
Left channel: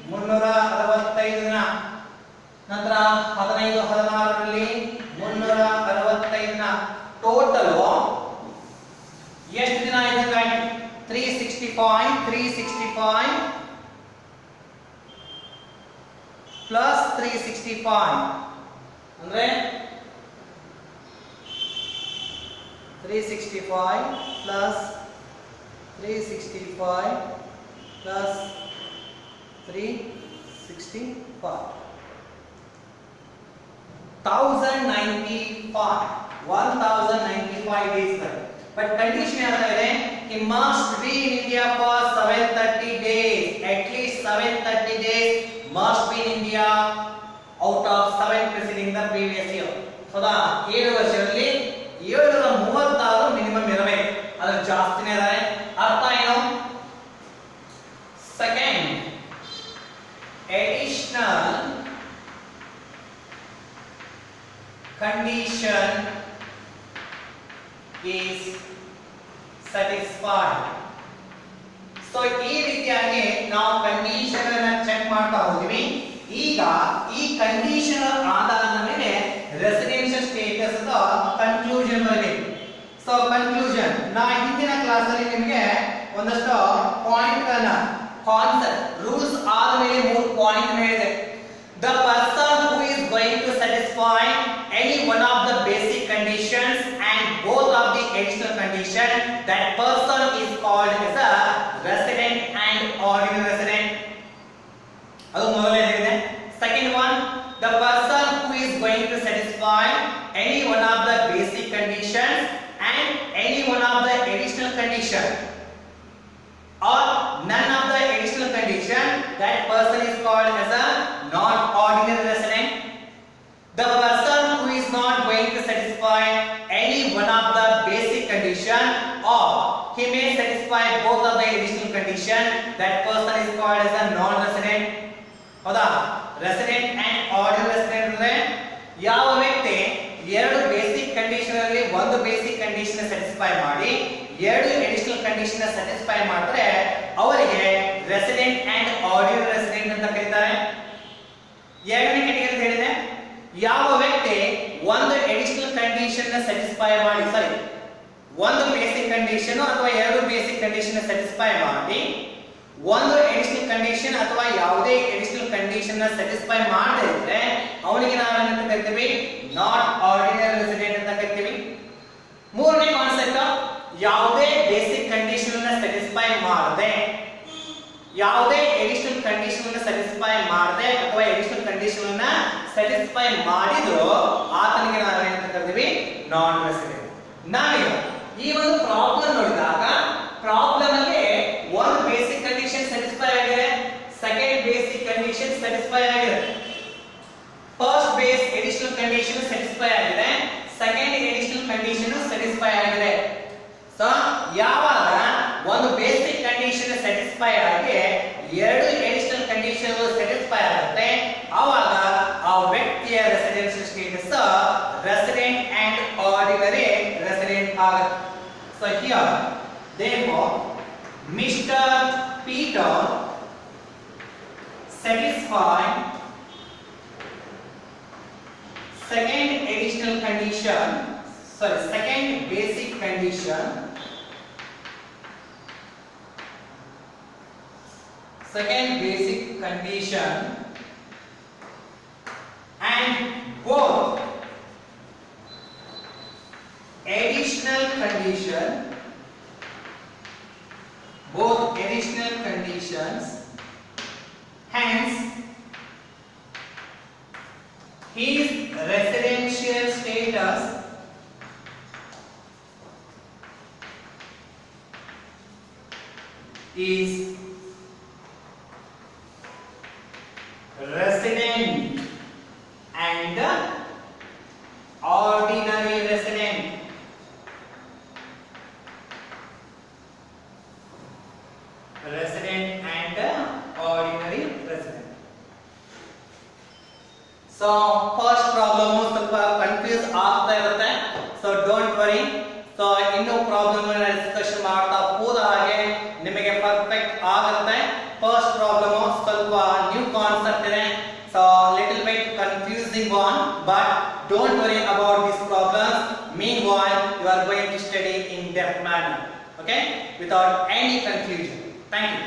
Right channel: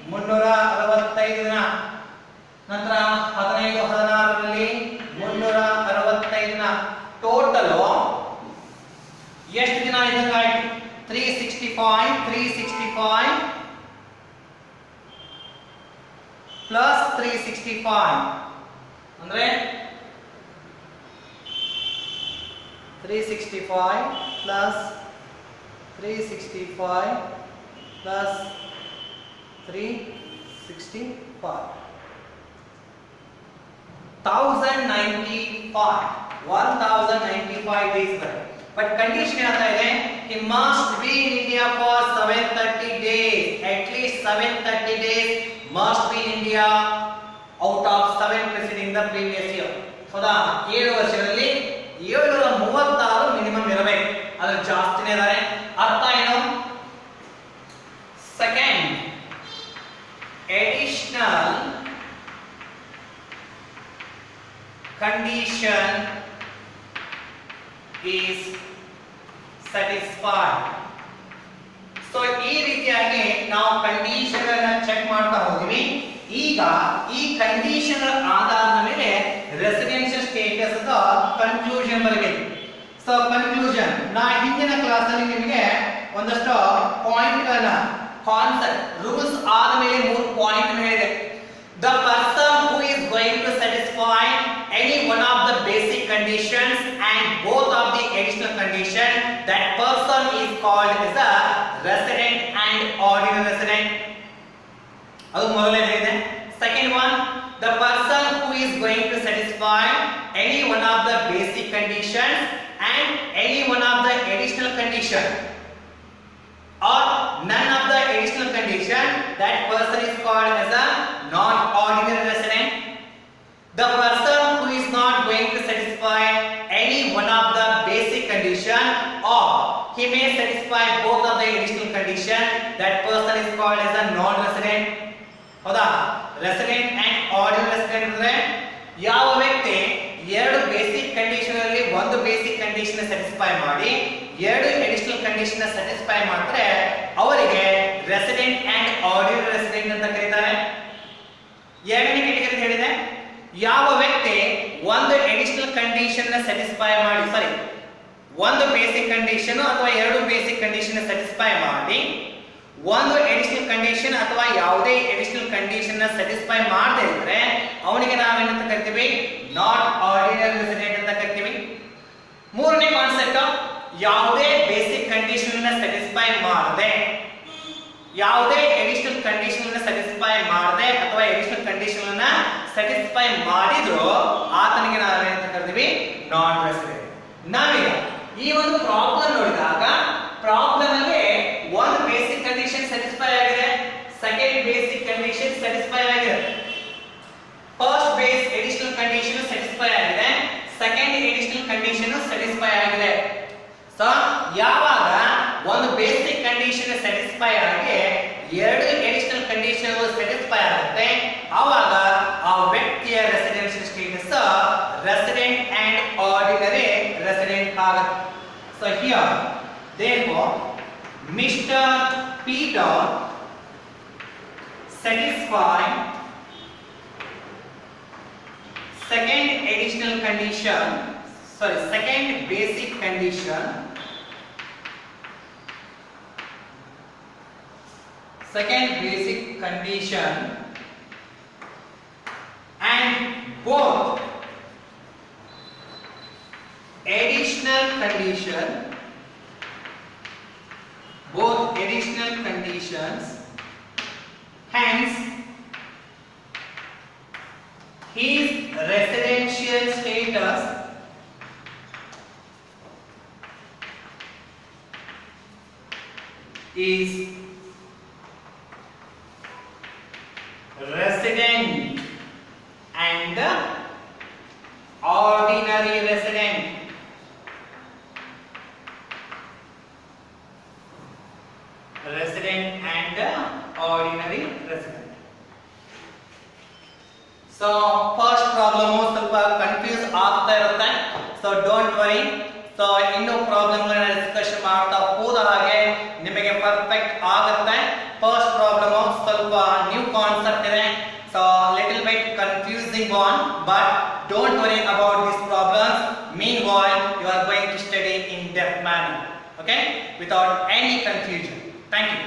365 ದಿನ, ನಂತರ 15 16 ರಲ್ಲಿ 365 ದಿನ. ಟೋಟಲ್ ಎಷ್ಟು ದಿನ ಇದ್ದಂಗೆ ಆಯ್ತು, 365 ಪ್ಲಸ್ 365 ಅಂದ್ರೆ 365 ಪ್ಲಸ್ 365 ಪ್ಲಸ್ 365 1095 days ಬರುತ್ತೆ. ಬಟ್ ಕಂಡೀಷನ್ ಹೇಳ್ತಾ ಇದೆ, he must be in India for 730 days, at least 730 days must be in India out of 7 preceding the previous year. ಹೌದಾ? 7 ವರ್ಷಗಳಲ್ಲಿ 736 ಮಿನಿಮಮ್ ಇರಬೇಕು, ಅದ್ರ ಜಾಸ್ತಿನೇ ಇದ್ದಾರೆ. ಅರ್ಥ ಏನು? Second additional condition is satisfied. So ಈ ರೀತಿಯಾಗಿ ನಾವು ಕಂಡೀಷನ್ ಅನ್ನು ಚೆಕ್ ಮಾಡ್ತಾ ಹೋದ್ವಿ. ಈಗ ಈ ಕಂಡೀಷನ್ ಆಧಾರದ ಮೇಲೆ ರೆಸಿಡೆನ್ಷಿಯಲ್ ಸ್ಟೇಟಸ್ ದ ಕನ್ಕ್ಲೂಷನ್ ಬರಬೇಕು. ಸೊ ಕನ್ಕ್ಲೂಷನ್ ನಾ ಹಿಂದಿನ ಕ್ಲಾಸ್ ಅಲ್ಲಿ ನಿಮಗೆ ಒಂದಷ್ಟು ಪಾಯಿಂಟ್ ಗಳನ್ನ ಕಾನ್ಸೆಪ್ಟ್ ರೂಲ್ಸ್ ಆದ ಮೇಲೆ 3 ಪಾಯಿಂಟ್ ಹೇಳಿದೆ. The person who is going to satisfy any one of the basic conditions and both of the additional condition, that person is called as a resident and ordinary resident. ಅದು ಮೊದಲನೇದಿದೆ. Second one, the person who is going to satisfy any one of the basic conditions and any one of the additional condition or none of the additional condition, that person is called as a non-ordinary resident. The person who is not going to satisfy any one of the basic condition or he may satisfy both of the additional condition, that person is called as a non-resident. ಹೌದಾ? Resident and ordinary resident ಅಂದ್ರೆ ಯಾವ ವ್ಯಕ್ತಿ ಎರಡು basic condition ಅಲ್ಲಿ ಒಂದು basic condition satisfy ಮಾಡಿ ಎರಡು additional condition satisfy ಮಾಡಿದ್ರೆ ಅವರಿಗೆ ರೆಸಿಡೆಂಟ್ ಅಂಡ್ ಆರ್ಡಿನರಿ ರೆಸಿಡೆಂಟ್ ಅಂತ ಕರೀತಾರೆ. ಎರಡನೇ ಕ್ಯಾಟಗರಿ ಹೇಳಿದೆ, ಯಾವ ವ್ಯಕ್ತಿ ಒಂದು ಅಡಿಷನಲ್ ಕಂಡೀಷನ್ ಸ್ಯಾಟಿಸ್ಫೈ ಮಾಡಿ ಒಂದು ಬೇಸಿಕ್ ಕಂಡೀಷನ್ ಅಥವಾ ಎರಡು ಬೇಸಿಕ್ ಕಂಡೀಷನ್ ಸ್ಯಾಟಿಸ್ಫೈ ಮಾಡಿ ಒಂದು ಅಡಿಷನಲ್ ಕಂಡೀಷನ್ ಅಥವಾ ಯಾವುದೇ ಅಡಿಷನಲ್ ಕಂಡೀಷನ್ ಸ್ಯಾಟಿಸ್ಫೈ ಮಾಡದೇ ಇದ್ರೆ ಅವನಿಗೆ ನಾವೇನಂತ ಕರಿತೀವಿ? ನಾಟ್ ಆರ್ಡಿನರಿ ರೆಸಿಡೆಂಟ್ ಅಂತ ಕರಿತೀವಿ. ಮೂರನೇ ಕಾನ್ಸೆಪ್ಟ್, ಯಾವುದೇ ಬೇಸಿಕ್ ಕಂಡೀಷನ್ ಅನ್ನು ಸ್ಯಾಟಿಸ್ಫೈ ಮಾಡದೆ ಯಾವುದೇ ಅಡಿಷನಲ್ ಕಂಡೀಷನ್ ಅನ್ನು ಸ್ಯಾಟಿಸ್ಫೈ ಮಾಡದೆ ಅಥವಾ ಅಡಿಷನಲ್ ಕಂಡೀಷನ್ ಅನ್ನು ಸ್ಯಾಟಿಸ್ಫೈ ಮಾಡಿದ್ರು ಆತನಿಗೆ ನಾವೇನಂತ ಕರಿತೀವಿ? ನಾನ್ ರೆಸಿಡೆಂಟ್. ನಾವೀಗ ಈ ಒಂದು ಪ್ರಾಬ್ಲಮ್ ನೋಡಿದಾಗ ಪ್ರಾಬ್ಲಮ್ ಅಲ್ಲಿ ಒಂದು ಬೇಸಿಕ್ ಕಂಡೀಷನ್ ಸ್ಯಾಟಿಸ್ಫೈ ಆಗಿದೆ, ಸೆಕೆಂಡ್ ಬೇಸಿಕ್ ಕಂಡೀಷನ್ ಸ್ಯಾಟಿಸ್ಫೈ ಆಗಿದೆ, first base additional condition satisfy ಆಗಿದೆ, ಸೆಕೆಂಡ್ ಅಡಿಷನಲ್ ಕಂಡೀಷನ್ ಸ್ಯಾಟಿಸ್ಫೈ ಆಗಿದೆ. ಸೊ ಯಾವಾಗ ಒಂದು ಬೇಸಿಕ್ ಕಂಡೀಷನ್ ಸ್ಯಾಟಿಸ್ಫೈ ಆಗಿ ಎರಡು ಅಡಿಷನಲ್ ಕಂಡೀಷನ್ ಸ್ಯಾಟಿಸ್ಫೈ ಆಗುತ್ತೆ ಆವಾಗ ಆ ವ್ಯಕ್ತಿಯ residential status resident and ordinary resident ಆಗುತ್ತೆ. So here therefore Mr. Peter satisfied second additional condition, second basic condition, and both additional conditions, hence his residential status is resident and ordinary resident. Resident and ordinary resident. So first problem ಸ್ವಲ್ಪ confuse ಆಗ್ತಾ ಇರುತ್ತೆ. So don't worry. So ಇನ್ನೂ problem discussion ಮಾಡ್ತಾ ಹೋದ ಹಾಗೆ ನಿಮಗೆ perfect ಆಗುತ್ತೆ. First problem ಸ್ವಲ್ಪ ನ್ಯೂ ಕಾನ್ಸೆಪ್ಟ್ ಇದೆ. So little bit confusing one, but don't worry about this problems. Meanwhile you are going to study in depth manner, okay, without any confusion. Thank you.